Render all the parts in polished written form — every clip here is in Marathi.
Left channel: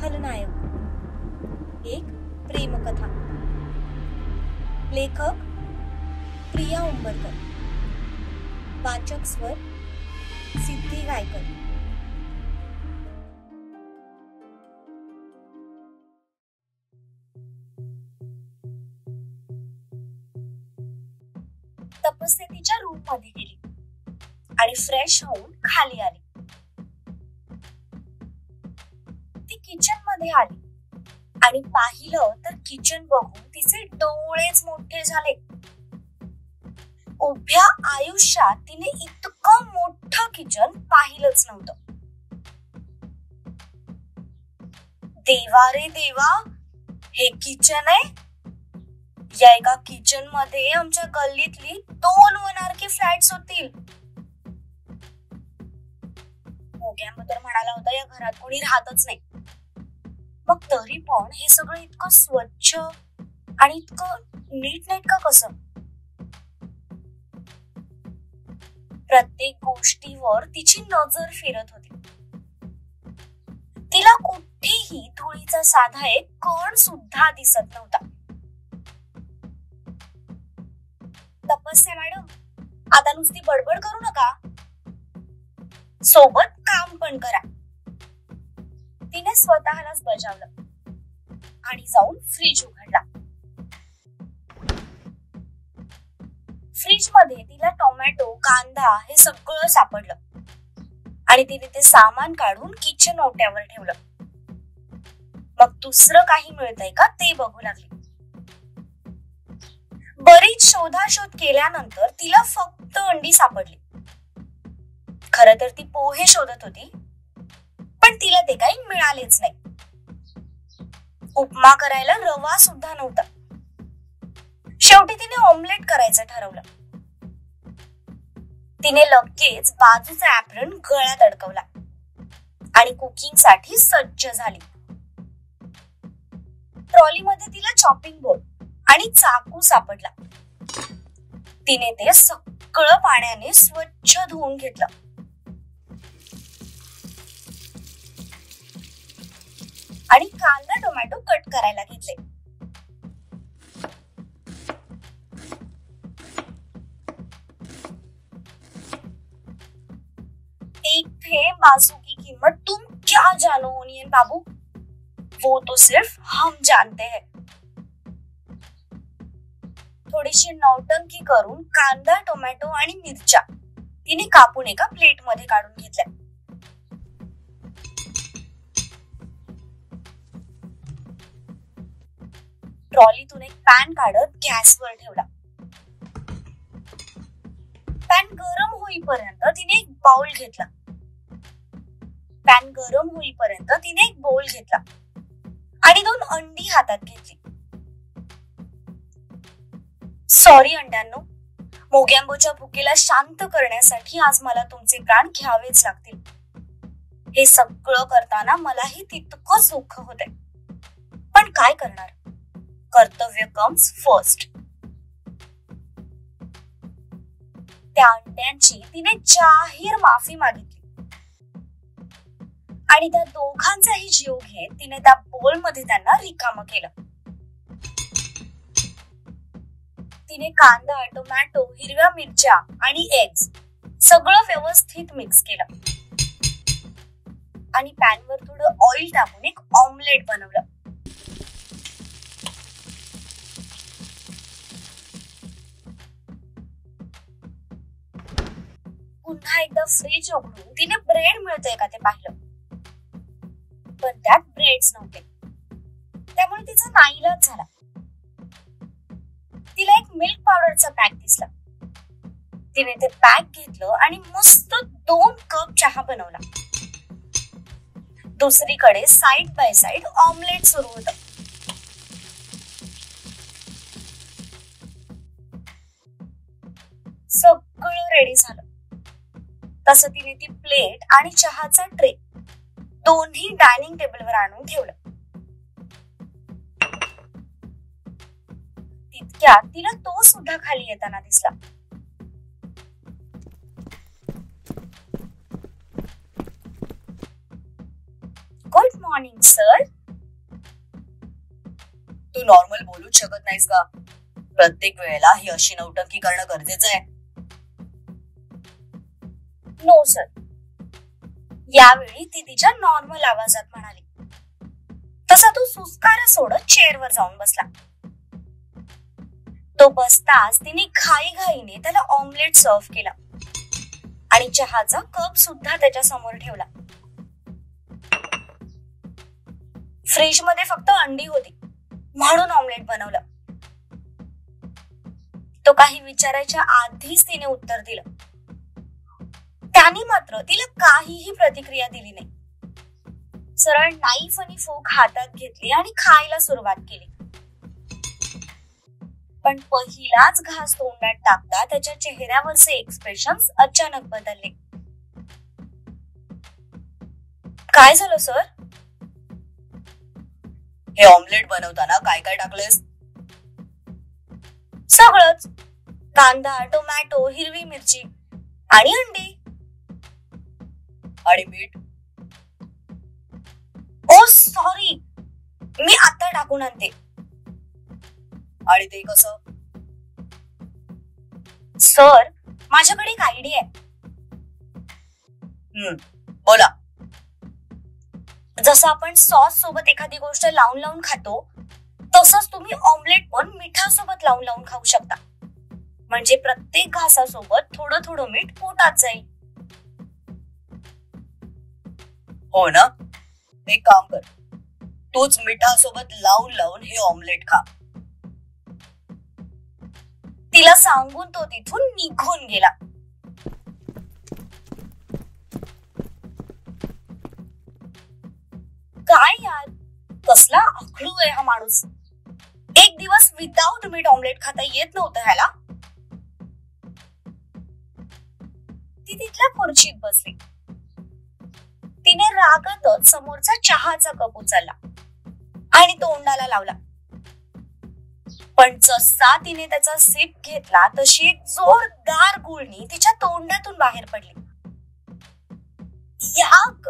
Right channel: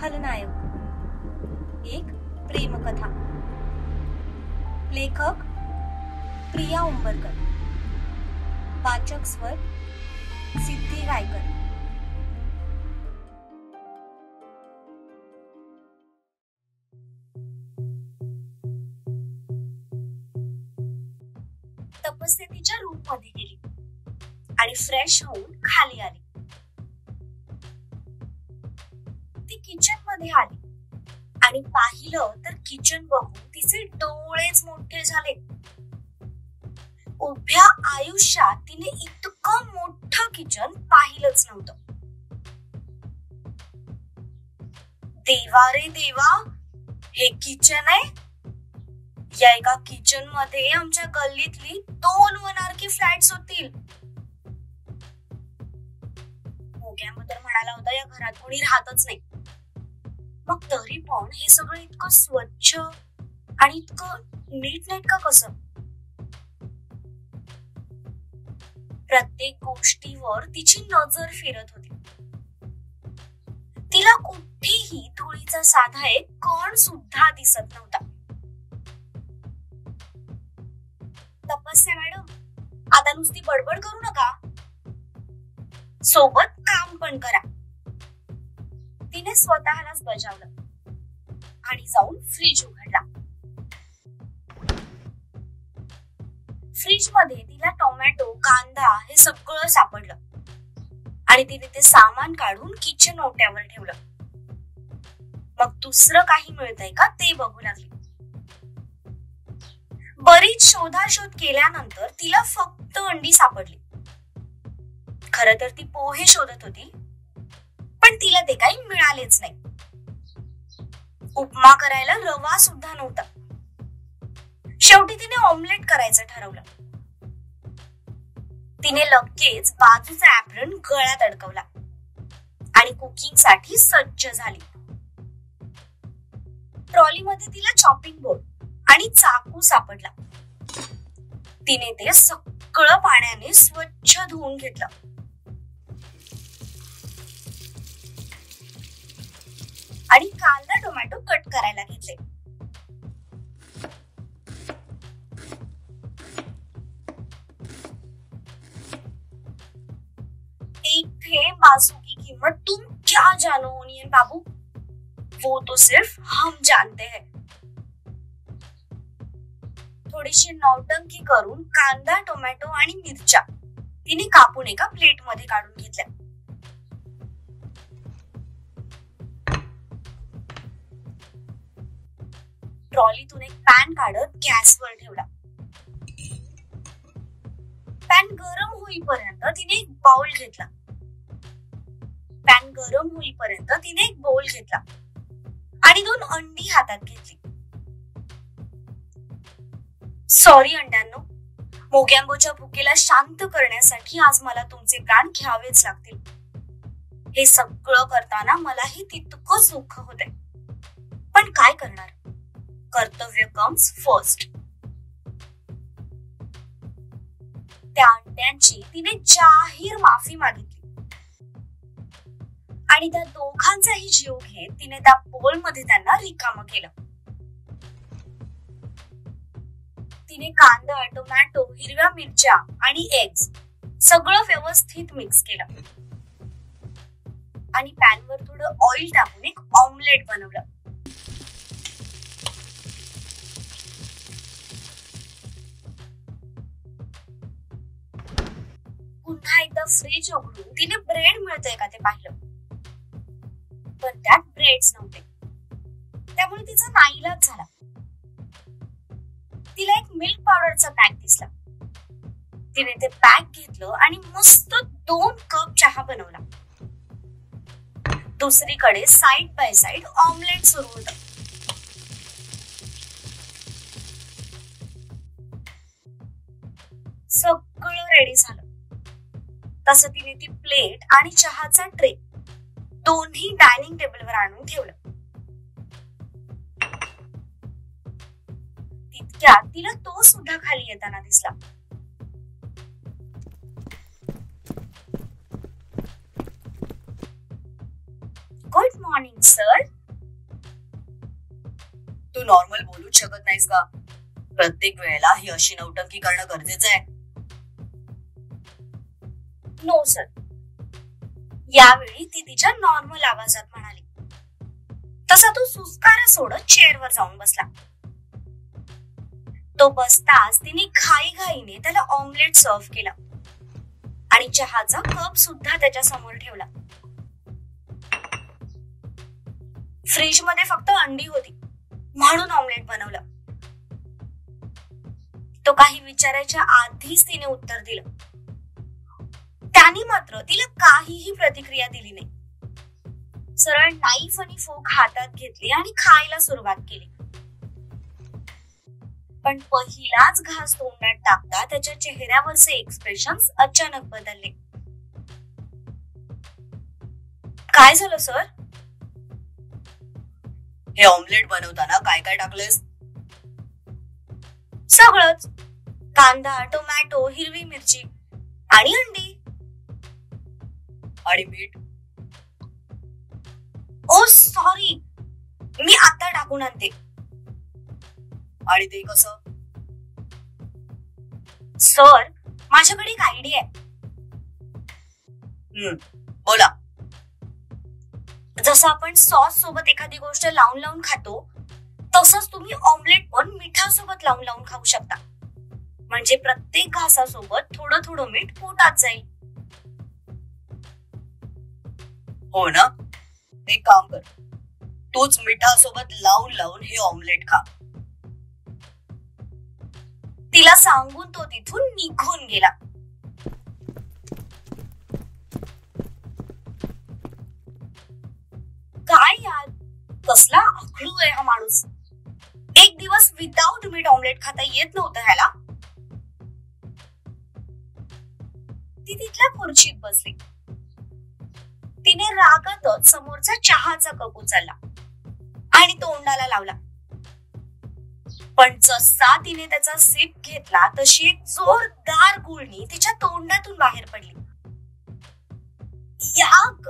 खलनायक एक प्रेमकथा। लेखक प्रिया उंबरकर, वाचक स्वर सिद्धी रायकर। तपस्या तिच्या रूम मध्ये गेली आणि फ्रेश होऊन खाली आली। ती किचन मध्ये आली आणि पाहिलं तर किचन बघून तिचे डोळेच मोठे झाले। उभ्या आयुष्यात तिने इतकं मोठं किचन पाहिलंच नव्हतं। देवा रे देवा, हे किचन आहे? या एका किचन मध्ये आमच्या गल्लीतली 2 1 फ्लॅट्स होतील। मोग्याम तर म्हणाला होता या घरात कोणी राहतच नाही, मग तरी पण हे सगळं इतकं स्वच्छ आणि इतकं नीटनेटकं कसं? प्रत्येक गोष्टीवर तिची नजर फिरत होती। तिला कुठेही धुळीचा साधा एक कण सुद्धा दिसत नव्हता। तपस्या मॅडम, आता नुसती बडबड करू नका, सोबत काम पण करा। तिने स्वतःलाच बजावलं आणि जाऊन फ्रीज उघडला। फ्रीज मध्ये तिला टोमॅटो, कांदा हे सगळं सापडलं आणि तिने ते सामान काढून किचन ओट्यावर ठेवलं। मग दुसरं काही मिळतंय का ते बघू लागली। बरीच शोधाशोध केल्यानंतर तिला फक्त अंडी सापडली। खरं तर ती पोहे शोधत होती, पण तिला ते काही मिळालेच नाही। उपमा करायला रवा सुद्धा नव्हता। शेवटी तिने ऑमलेट करायचं ठरवलं। तिने लगेच बाजूचा ऍप्रन गळ्यात अडकवला आणि कुकिंग साठी सज्ज झाली। ट्रॉलीमध्ये तिला चॉपिंग बोर्ड आणि चाकू सापडला। तिने ते सगळं पाण्याने स्वच्छ धुवून घेतलं आणि कांदा टोमॅटो कट करायला घेतले। एक थेंब बासु की कीमत तुम क्या जानो ओनियन बाबू, वो तो सिर्फ हम जानते हैं। थोडीशी नौटंकी करून कांदा, टोमॅटो आणि मिरच्या तिने कापून एका प्लेट मध्ये काढून घेतल्या। ट्रॉलीतून एक पॅन काढत गॅसवर ठेवला। पॅन गरम होईपर्यंत तिने एक बाउल घेतला। आणि 2 अंडी हातात घेतली। सॉरी अंड्यांनो, मोग्यांबोच्या भुकेला शांत करण्यासाठी आज मला तुमचे प्राण घ्यावेच लागतील। हे सगळं करताना मलाही तितकंच दुःख होतंय, पण काय करणार, कर्तव्य कम्स फर्स्ट। त्या अंड्यांची तिने जाहीर माफी मागितली आणि त्या दोघांचाही जीव घेत तिने त्या बोलमध्ये त्यांना रिकामं केलं। तिने कांदा, टोमॅटो, हिरव्या मिरच्या आणि एग्स सगळं व्यवस्थित मिक्स केलं आणि पॅनवर थोडं ऑइल टाकून एक ऑमलेट बनवलं। पुन्हा एकदा फ्रीज उघडून तिने ब्रेड मिळतंय का ते पाहिलं, पण त्यात ब्रेड्स नव्हते। त्यामुळे तिचा नाईलाज झाला। तिला एक मिल्क पावडरचा पॅक दिसला। तिने ते पॅक घेतलं आणि मस्त 2 कप चहा बनवला। दुसरीकडे साइड बाय साइड ऑमलेट सुरू होतं। सगळं रेडी झालं तसं तिने ती प्लेट आणि चहाचा ट्रे दोन्ही डायनिंग टेबलवर आणून ठेवलं। तितक्यात तिला तो सुद्धा खाली येताना दिसला। Good morning, sir. तू नॉर्मल बोलूच शकत नाहीस का? प्रत्येक वेळेला ही अशी नौटंकी करणं गरजेचं आहे? No sir. यावेळी ती तिच्या नॉर्मल आवाजात म्हणाली. तसा तो सुस्कारा सोडत चेअरवर जाऊन बसला. तो बसताच तिने घाईघाईने त्याला ऑमलेट सर्व्ह केला आणि चहाचा कप सुद्धा त्याच्या समोर ठेवला. फ्रीज मध्ये फक्त अंडी होती म्हणून ऑमलेट बनवलं. तो काही विचारायच्या आधीच तिने उत्तर दिलं. त्याने मात्र तिला काहीही प्रतिक्रिया दिली नाही. सरळ नाईफ आणि फोक हातात घेतली आणि खायला सुरुवात केली. पण पहिलाच घास तोंडात टाकता त्याच्या चेहऱ्यावरचे एक्सप्रेशन्स अचानक बदलले. काय झालं सर? हे ऑमलेट बनवताना काय काय टाकलेस? सगळंच. कांदा, टोमॅटो, हिरवी मिरची आणि अंडी. आणि मीठ? ओ सॉरी, मी आता टाकून आणते. आणि ते कसं? सर, माझ्याकडे एक आयडिया आहे. बोला. जसं आपण सॉस सोबत एखादी गोष्ट लावून लावून खातो तसंच तुम्ही ऑमलेट पण मिठासोबत लावून लावून खाऊ शकता. म्हणजे प्रत्येक घासासोबत थोडं थोडं मीठ पोटात जाईल. हो ना? एक काम कर, तूच मिठासोबत लावून लावून हे ऑमलेट खा. तिला सांगून तो तिथून निघून गेला. काय यार, कसला आखडू आहे हा माणूस. एक दिवस विदाउट मीठ ऑमलेट खाता येत नव्हतं ह्याला. ती तिथल्या खुर्चीत बसली. तिने रागातच समोरचा चहाचा कप उचलला आणि तोंडाला लावला. पण जसा तिने त्याचा सिप घेतला तशी एक जोरदार गुळणी तिच्या तोंडातून बाहेर पडली. याक,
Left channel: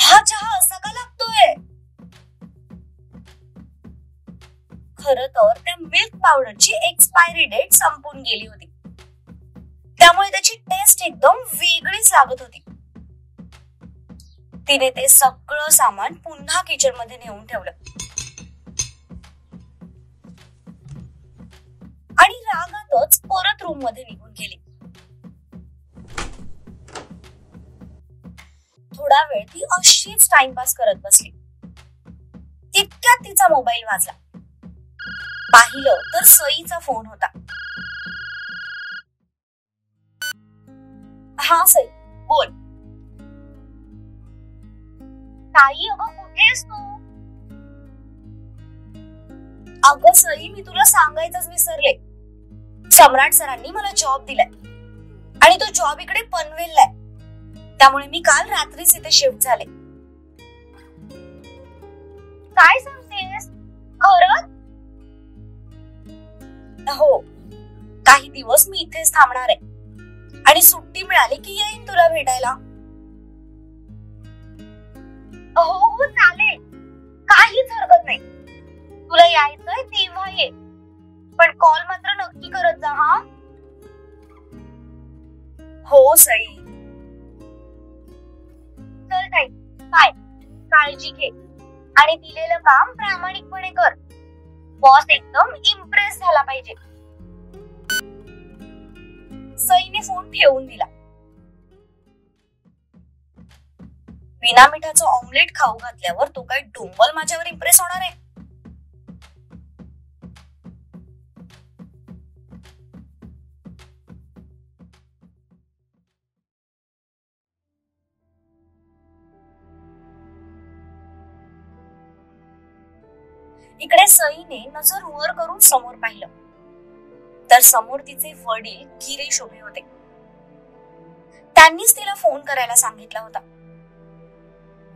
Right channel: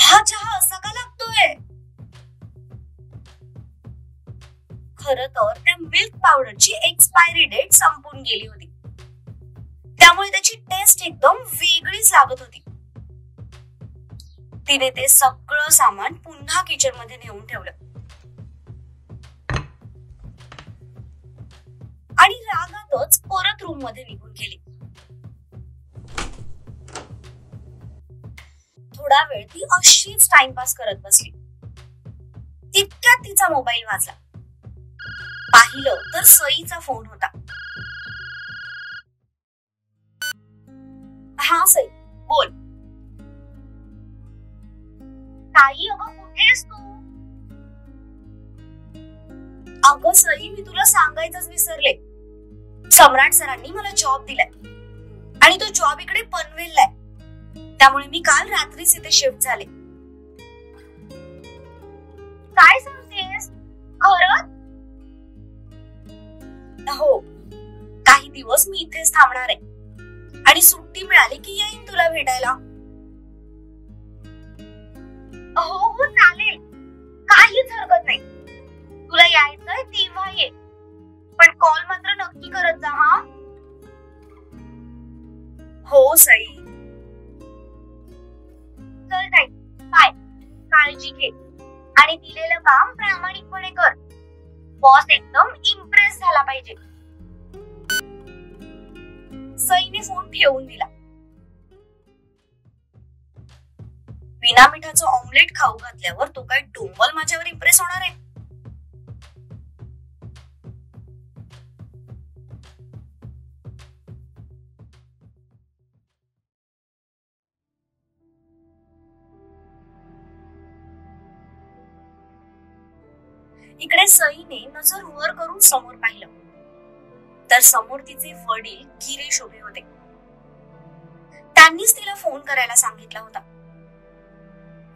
हा चहा असा का लागतोय? खरं तर त्या मिल्क पावडरची एक्सपायरी डेट संपून गेली होती. त्यामुळे त्याची टेस्ट एकदम वेगळीच लागत होती. तिने ते सगळं सामान पुन्हा किचन मध्ये नेऊन ठेवलं आणि रागातच परत रूम मध्ये निघून गेली. थोडा वेळ ती अशीच टाइमपास करत बसली. तितक्यात तिचा मोबाईल वाजला. पाहिलं तर सईचा फोन होता. हा सई, बोल. ताई, अगं कुठेस तू? अगं सई, मी तुला सांगायचंच विसरले. सम्राट सरांनी मला जॉब दिलाय आणि तो जॉब इकडे पनवेलला आहे. त्यामुळे मी काल रात्रीच इथे शिफ्ट झाले. काय सांगतेस? खरंच? हो, काही दिवस मी इथेच थांबणार आहे आणि सुट्टी मिळाली की येईन तुला भेटायला. हो हो चालेल, काहीच हरकत नाही. तुला यायचंय तेव्हा ये, पण कॉल मात्र नक्की करत जा. हा हो सई. चल ताई, बाय. काळजी घे आणि दिलेलं काम प्रामाणिकपणे कर. बॉस एकदम इम्प्रेस झाला पाहिजे. सईने फोन ठेवून दिला. बिना मिठाचं ऑमलेट खाऊ घातल्यावर तो काय डोंबल माझ्यावर इम्प्रेस होणार आहे? इकडे सईने नजर वर करून समोर पाहिलं तर समोर तिचे वडील गिरीश उभे होते. त्यांनीच तिला फोन करायला सांगितला होता.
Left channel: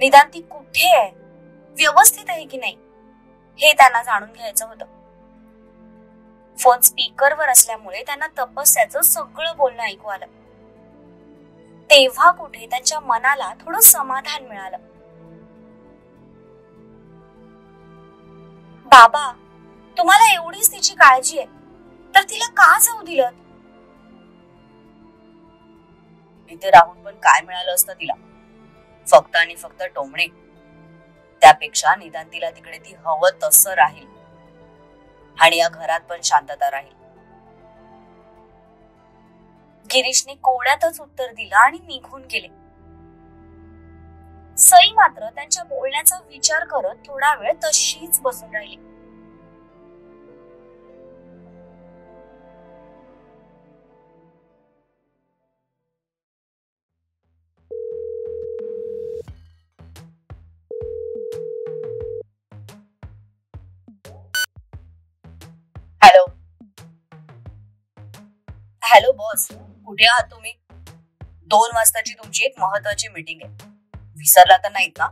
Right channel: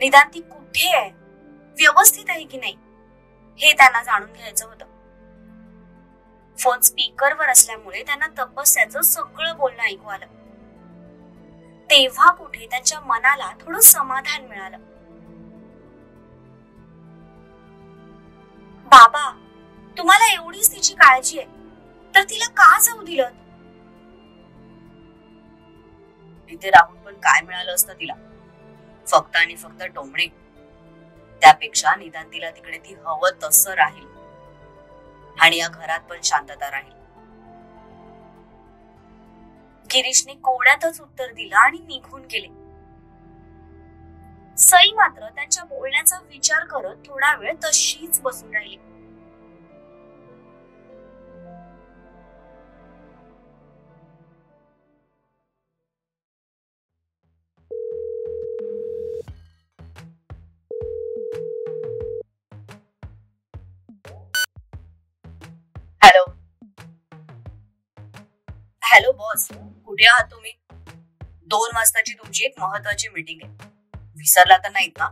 निदान ती कुठे आहे, व्यवस्थित आहे की नाही, हे त्यांना जाणून घ्यायचं होतं. फोन स्पीकरवर असल्यामुळे त्यांना तपस्याचं सगळं बोलणं ऐकू आलं. तेव्हा कुठे त्यांच्या मनाला थोडं समाधान मिळालं. बाबा, तुम्हाला एवढीच तिची काळजी आहे तर तिला का जाऊ दिलं? इथे राहून पण काय मिळालं असतं तिला? फक्त आणि फक्त टोमणे. त्यापेक्षा निदान तिला तिकडे ती हवं तसं राहील आणि या घरात पण शांतता राहील. गिरीशने कोड्यातच उत्तर दिलं आणि निघून गेले. सई मात्र त्यांच्या बोलण्याचा विचार करत थोडा वेळ तशीच बसून राहिली. हॅलो हॅलो बॉस, कुठे आहात तुम्ही? 2 वाजताची तुमची एक महत्वाची मीटिंग आहे. विसरला तर नाहीत ना?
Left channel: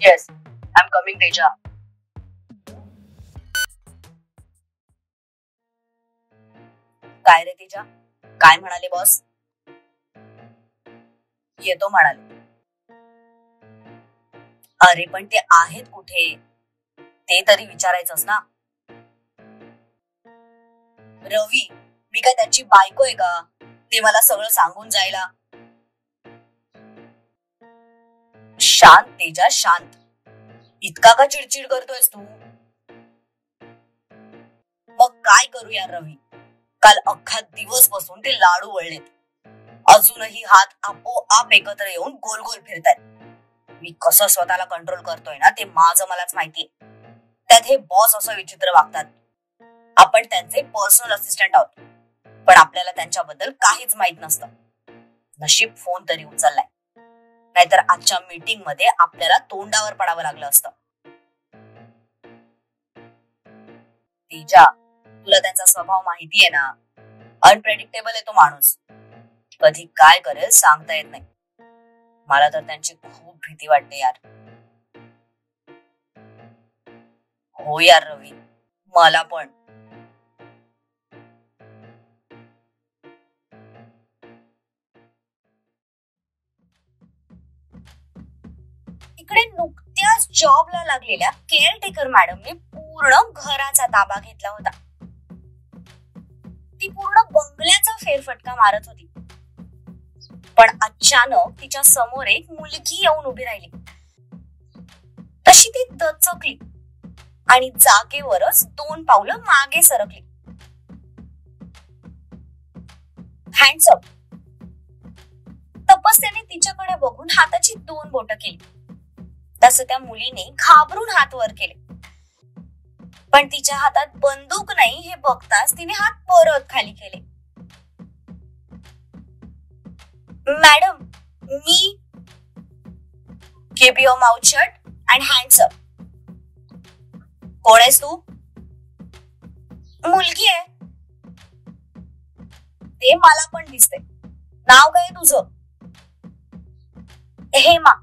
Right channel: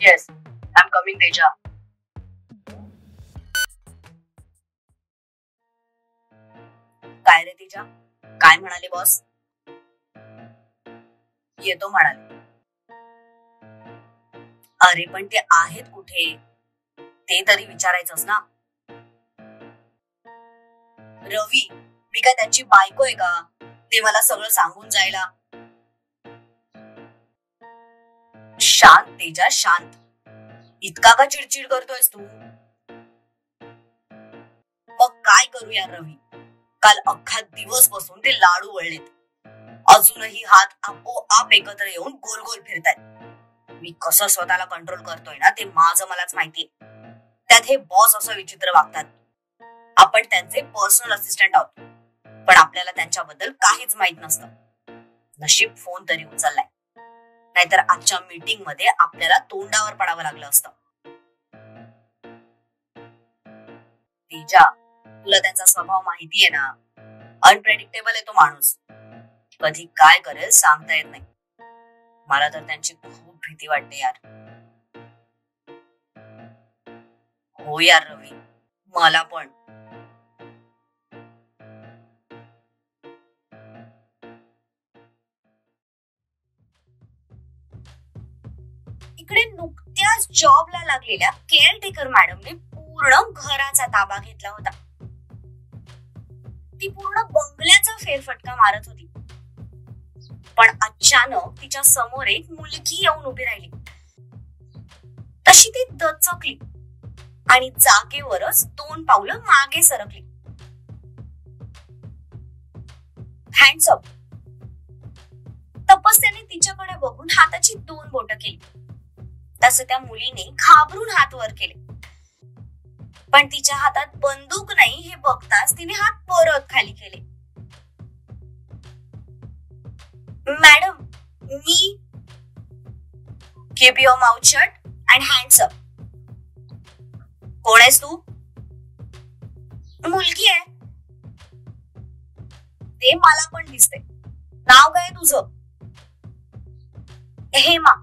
येस, आय एम कमिंग तेजा. काय रे तेजा, काय म्हणाले बॉस? येतो म्हणाले. अरे पण ते आहेत कुठे ते तरी विचारायचंच ना. रवी, मी काय त्यांची बायको आहे का ते मला सगळं सांगून जायला? शांत तेजा, शांत. इतका का चिडचिड करतोयस तू? मग काय करूया रवी? काल अख्खा दिवस बसून ते लाडू वळलेत. अजूनही हात आपोआप एकत्र येऊन गोल गोल फिरतायत. मी कसं स्वतःला कंट्रोल करतोय ना ते माझं मलाच माहितीये. त्यात हे बॉस असं विचित्र वागतात. आपण त्यांचे पर्सनल असिस्टंट आहोत, पण आपल्याला त्यांच्याबद्दल काहीच माहित नसतं. नशीब फोन तरी उचललाय, नाहीतर आजच्या मीटिंग मध्ये आपल्याला तोंडावर पडावं लागलं असतं. तेजा, तुला त्यांचा स्वभाव माहितीये ना. अनप्रेडिक्टेबल आहे तो माणूस. कधी काय करेल सांगता येत नाही. मला तर त्यांची खूप भीती वाटते यार. हो यार रवी, मला पण. इकडे नुकत्याच जॉबला लागलेल्या केअरटेकर मॅडमने पूर्ण घराचा ताबा घेतला होता. ती पूर्ण बंगल्याचा फेरफटका मारत होती. पण अचानक तिच्या समोर एक मुलगी येऊन उभी राहिली. तशी ती दचकली आणि जागेवरच 2 पावलं मागे सरकली. Hands up. तपस्याने तिच्याकडे बघून हाताची 2 बोटं केली. तसं त्या मुलीने घाबरून हात वर केले. पण तिच्या हातात बंदूक नाही हे बघताच तिने हात परत खाली केले. Madam, me. Keep your mouth shut and hands up. कोण आहेस तू? मुलगी आहे. ते मला पण दिसते. नाव काय तुझं? हेमा.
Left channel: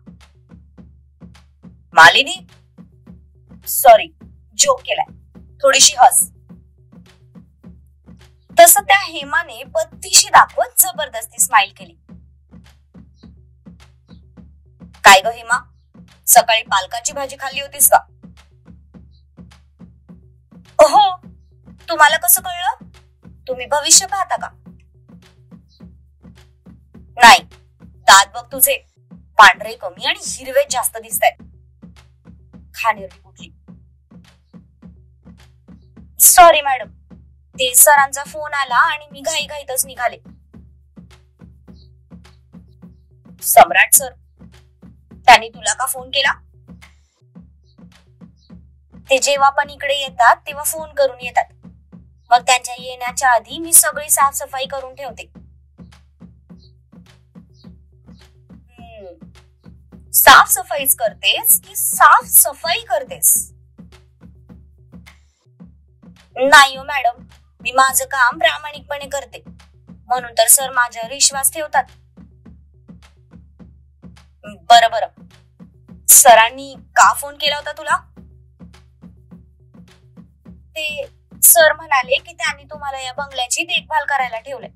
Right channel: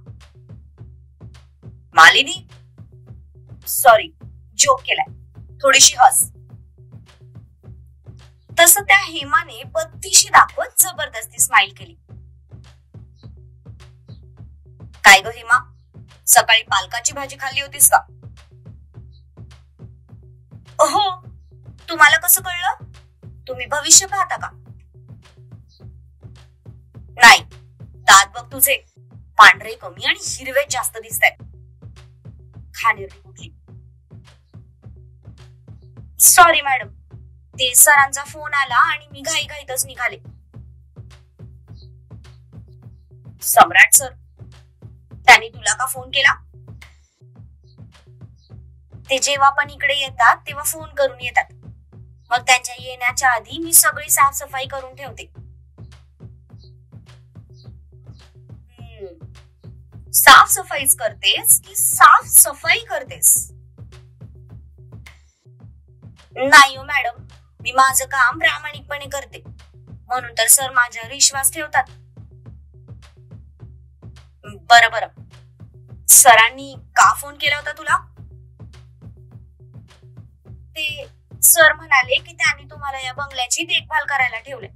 मालिनी? सॉरी, जोक केलाय. थोडीशी हस. तसं त्या हेमाने बत्तीशी दाखवत जबरदस्ती स्माइल केली. काय ग हेमा, सकाळी पालकाची भाजी खाल्ली होतीस का? हो. तुम्हाला कसं कळलं? तुम्ही भविष्य पाहता का? नाही. दात बघ तुझे, पांढरे कमी आणि हिरवे जास्त दिसत आहेत. खाणेरडी कुठली. सॉरी मॅडम, ते सरांचा फोन आला आणि मी घाईघाईतच निघाले. सम्राट सर, त्यांनी तुला का फोन केला? ते जेव्हा पण इकडे येतात तेव्हा फोन करून येतात. मग त्यांच्या येण्याच्या आधी मी सगळी साफसफाई करून ठेवते. साफसफाईच करतेस की साफसफाई करतेस? नाही हो मॅडम, मी माझं काम प्रामाणिकपणे करते, म्हणून तर सर माझ्यावर विश्वास ठेवतात. बरं बरं, सरांनी का फोन केला होता तुला? ते सर म्हणाले की त्यांनी तुम्हाला या बंगल्याची देखभाल करायला ठेवले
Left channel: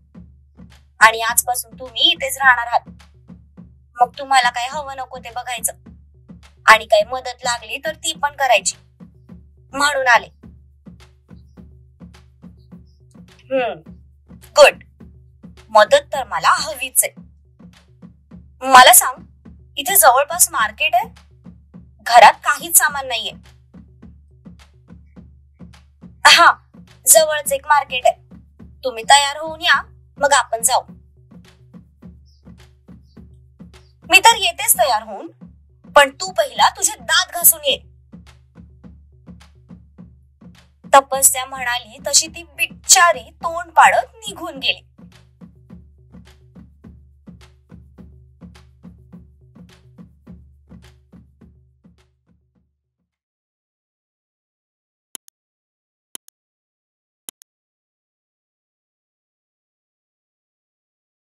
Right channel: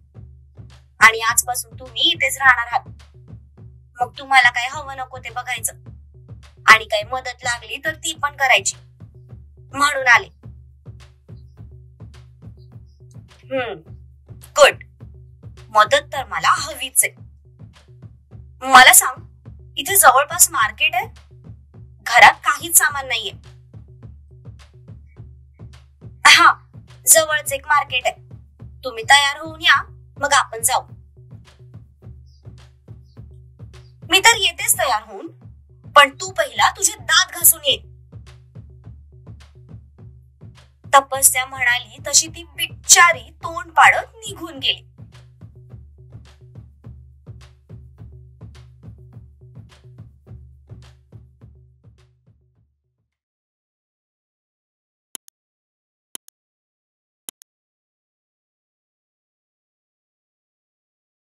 आणि आजपासून तुम्ही इथेच राहणार आहात. मग तुम्हाला काय हवं नको ते बघायचं आणि काही मदत लागली तर ती पण करायची. म्हणून आले. गुड. मदत तर मला हवीच आहे. मला सांग, इथे जवळपास मार्केट आहे? घरात काहीच सामान नाहीये. हा, जवळच एक मार्केट आहे. तुम्ही तयार होऊन या, मग आपण जाऊ. मी तर येतेच तयार होऊन, पण तू पहिला तुझे दात घासून ये. तपस्या म्हणाली तशी ती बिचारी तोंड पाडत निघून गेली.